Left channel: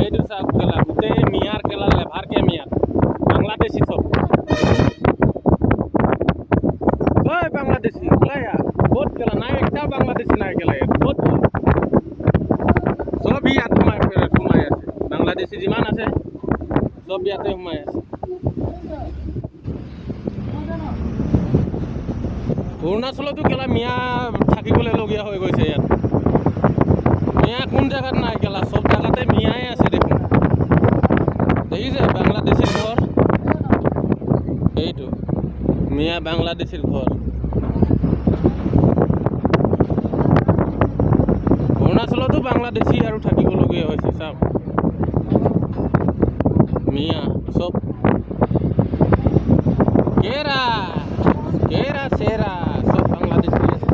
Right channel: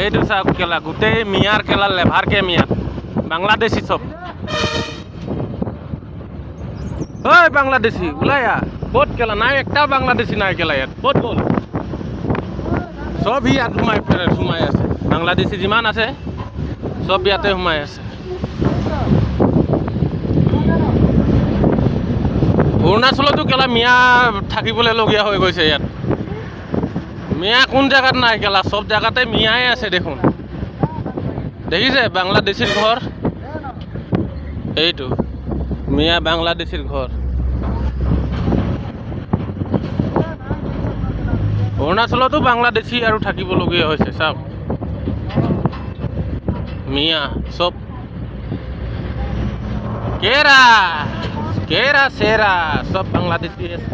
এইটো চাওক কেলা গোটেই মিয়াৰ কেলা লেভাৰকে মিয়া বাংলাদেশী চব ঐ বাংলাদেশী ওলাই আ ক'ত কেলা নাই একটাও বাংলাদেশী নাই কেলা ইয়াত ক'ত গ'ল চব ইয়াত সোমাই আছে বাংলাদেশী যিমান আছে চব ইয়াতে সোমাই আছে অৰুণাচলতো কেলা মিয়া থাকিবলৈ লগীয়া হৈ গৈছে ইয়াত মিয়া কোন জেগাত নাই কেলা চব জেগাতে মিয়াই আছে দেখোন দেখিছে বাংলাদেশীৰ ঘৰ এইটো মিয়া বাংলাদেশীৰ ঘৰ অৰুণাচলতো বাংলাদেশী আৰু থাকিবলগীয়া হৈছে চাওক মিয়া চব কেৰা চেৰা সব বাংলাদেশী আছে